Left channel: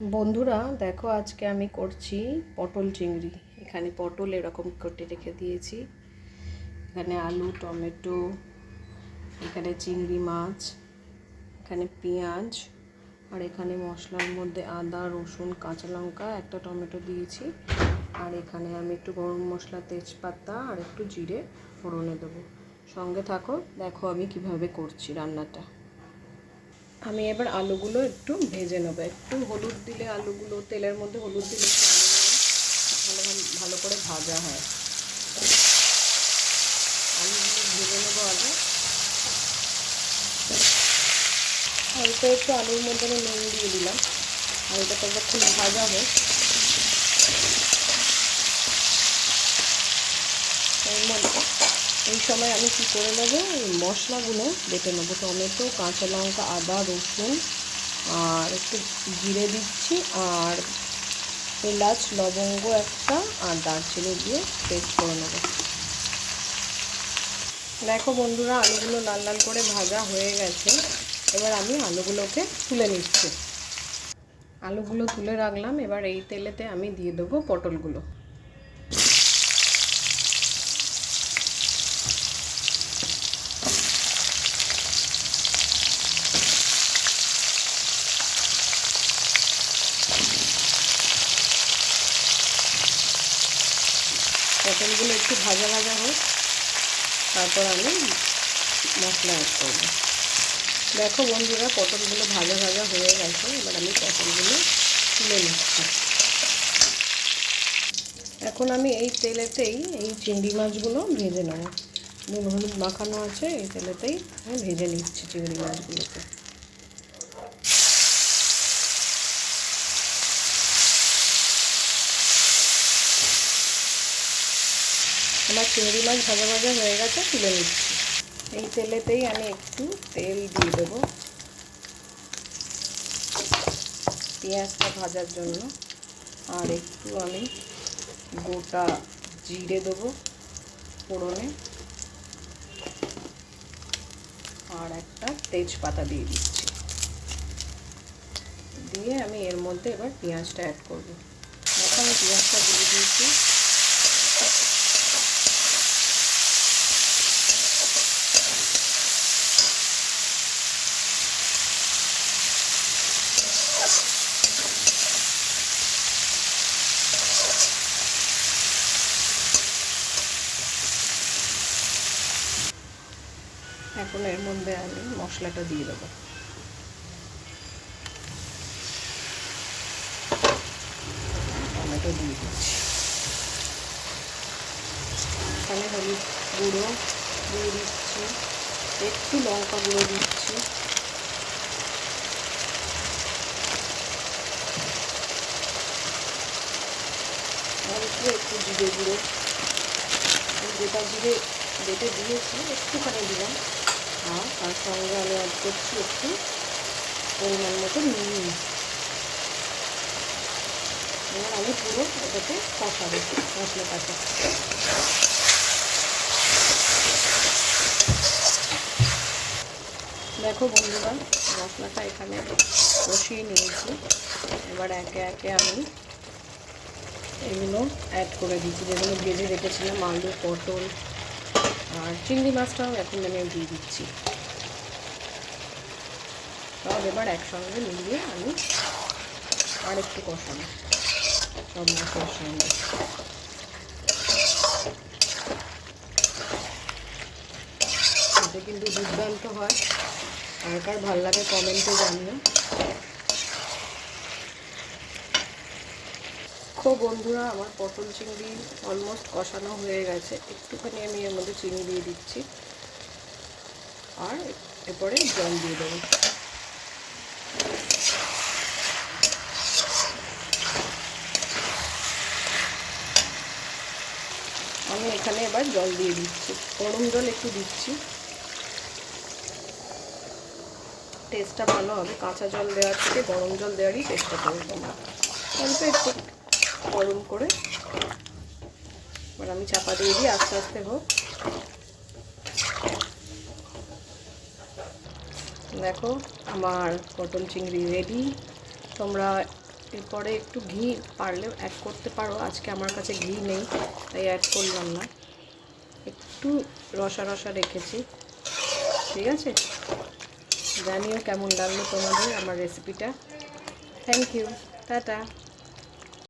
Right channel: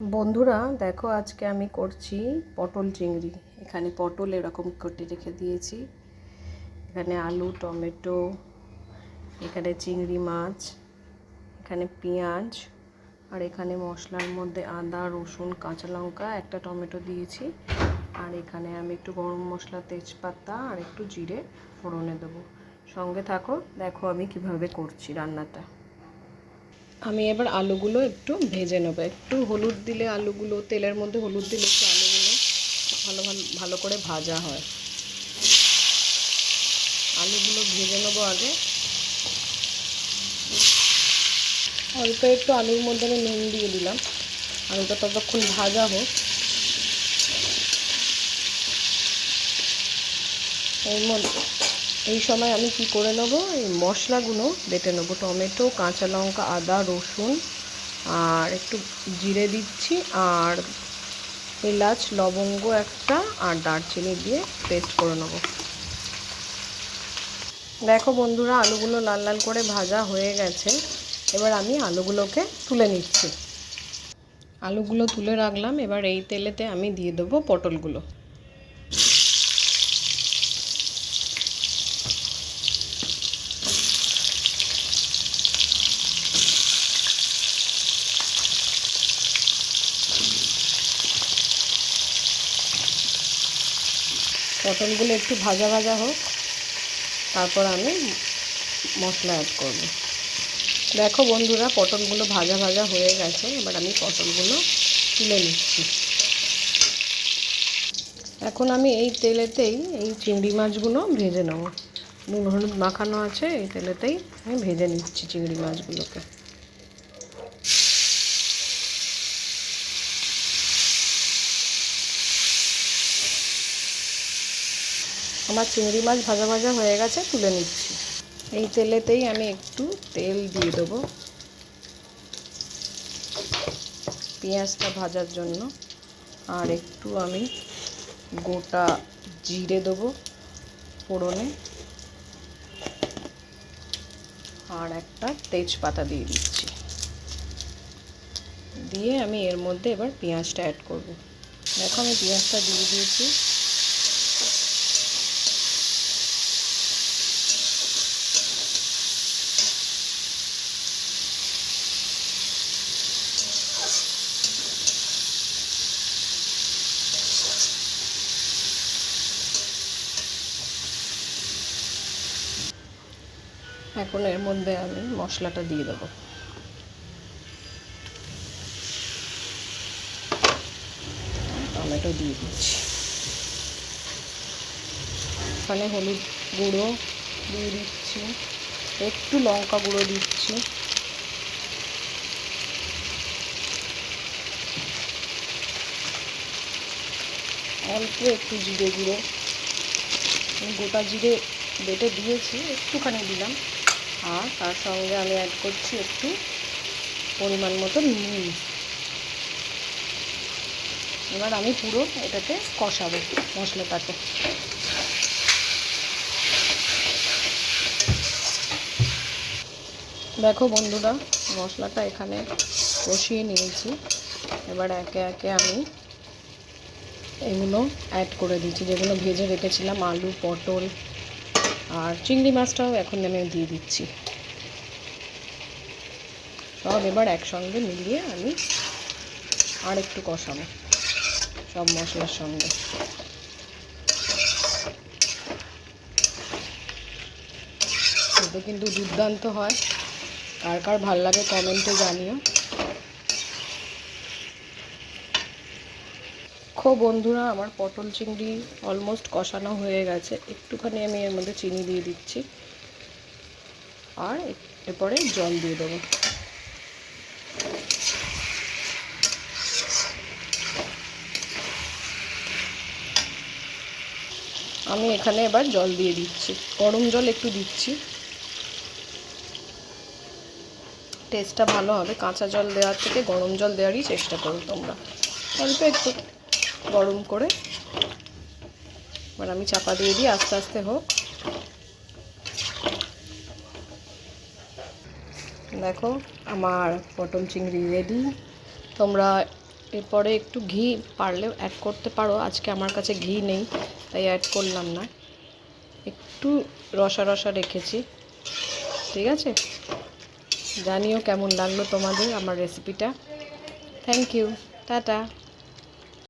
বন্ধুরা দেখো, আজকে আমি করছি পটল চিংড়ি। এখানে পটল এরকম কেটে রেখে দিয়েছি, এখানে আলু, টমেটো, এখানে চিংড়ি মাছ, এখানে পেঁয়াজ, আর এখানে মশলার মধ্যে আদা, রসুন, কাঁচা লঙ্কা, একটা টমেটো দিয়েছি। আর এখানে আমি একটু গরম মশলা, তেজপাতা আর একটু জিরে ফোড়নে দেবো। সঙ্গে থাকো, দেখো আমি কিভাবে করছি রান্নাটা। আমি এবার আলুগুলো একটু ভেজে নেবো। একটু হলুদ দিলে আলুগুলো, তেলের মধ্যে হলুদ দিলে একটু আলুগুলো ভালো ভালো করে ভাজা হয়। আলুগুলো ভেজে নেবো আগে। অল্প একটু আলুর মধ্যে আমি নুন দিয়ে দিলাম। আলুটা ততক্ষণ ভাজা হোক। এই সময় আমি কি করে নেবো, এই মশলাগুলো বেটে নেবো। টমেটো, কাঁচা লঙ্কা, আদা, রসুন আর একটু জিরে দিচ্ছি, আর এলাচ, লবঙ্গ একটা আর দারচিনি দিয়ে পেস্ট করে নেব। দেখো বন্ধুরা, আলুগুলো লাল লাল করে ভাজা হয়ে গেছে। এবার আমি আলুগুলোকে তুলে নিচ্ছি। আলুগুলো তুলে রাখলাম। এবার এই তেলেতে আমি দিয়ে দেবো পটলগুলো। পটলগুলো একটু ভাজা ভাজা হোক, তারপর আমি মশলা অ্যাড করব। দেখো বন্ধুরা, পটলগুলো ভাজা ভাজা হয়ে গেছে। এবার আমি পটলগুলো তুলে নিচ্ছি। এখন আমি এই তেলেতেই এই চিংড়ি মাছগুলো ভেজে নেব। নুন হলুদ মাখানো আছে, এই তেলেতেই আমি ভেজে নিচ্ছি চিংড়ি মাছগুলোকে। আমার চিংড়ি মাছ ভাজা ভাজা হয়ে গেছে, তুলে নিচ্ছি। এই তেলেতেই আমি একটু তেল দিয়ে দেবো পেঁয়াজটা ভাজার জন্য। আর একটু আমি গোটা জিরে দেবো ফোড়নে, আর একটা তেজপাতা দিয়ে দিচ্ছি। দিয়ে আমি এর মধ্যে এবার পেঁয়াজটা অ্যাড করব। দেখো আমি পেঁয়াজটা দিয়ে দিয়েছি। এখন এর মধ্যে আমি মশলাটা দিয়ে দেবো। টমেটো দিয়ে দিচ্ছি। এখানে হলুদ গুঁড়ো দিয়ে দিচ্ছি, একটু লঙ্কা গুঁড়ো দিচ্ছি, অল্প একটু জিরে গুঁড়ো। গোটা জিরে বেটে দিয়েছি, একটুখানি দিলাম। আর তার সঙ্গে আমি অ্যাড করছি একটু পরিমাণ মতো নুন। এবার আমি পুরো এটাকে কষাবো মশলাটাকে। দেখো বন্ধুরা, মশলাটা এখানে কষিয়ে নিয়েছি। এবার একে একে আমি এগুলো অ্যাড করে দিচ্ছি, যেগুলো ভেজে রেখেছিলাম, আলু, পটল আর চিংড়ি মাছটাও এখন আমি দিয়ে দিচ্ছি। সব এবার একসঙ্গে মিলিয়ে আমি আর একটু কষাবো সব মশলার সঙ্গে। এটা কিন্তু দুর্দান্ত হয়। কার কার ভালো লাগে কমেন্টে জানিও। বন্ধুরা, আমার পটল চিংড়ি অলমোস্ট কষানো হয়ে গেছে। একটুখানি আমি এর মধ্যে চিনি দিয়ে দিচ্ছি, আর এরপরে জল দিয়ে দেবো। আমি এখানে এবার জল দিয়ে দিচ্ছি, গরম জল একটু দিচ্ছি। টেস্টটা ভালো হবে। কাঁচা জল দেওয়ার থেকে গরম জল দেওয়ারই চেষ্টা করো তোমরা। অল্প একটু গরম করে এবার আমি চাপা দিয়ে দিই, আস্তে আস্তে হোক। দেখো আমার পটল চিংড়ি রেডি। তোমরা এরপরে একটু ঘি পারলে অ্যাড করতে পারো, আজকে আমার কাছে ঘি নেই তাই অ্যাড করলাম না, একটু রসা রসা রেখেছি। ঠিক আছে, জানিও কেমন লাগলো তোমাদের আমার রেসিপিটা। Thank you, tata.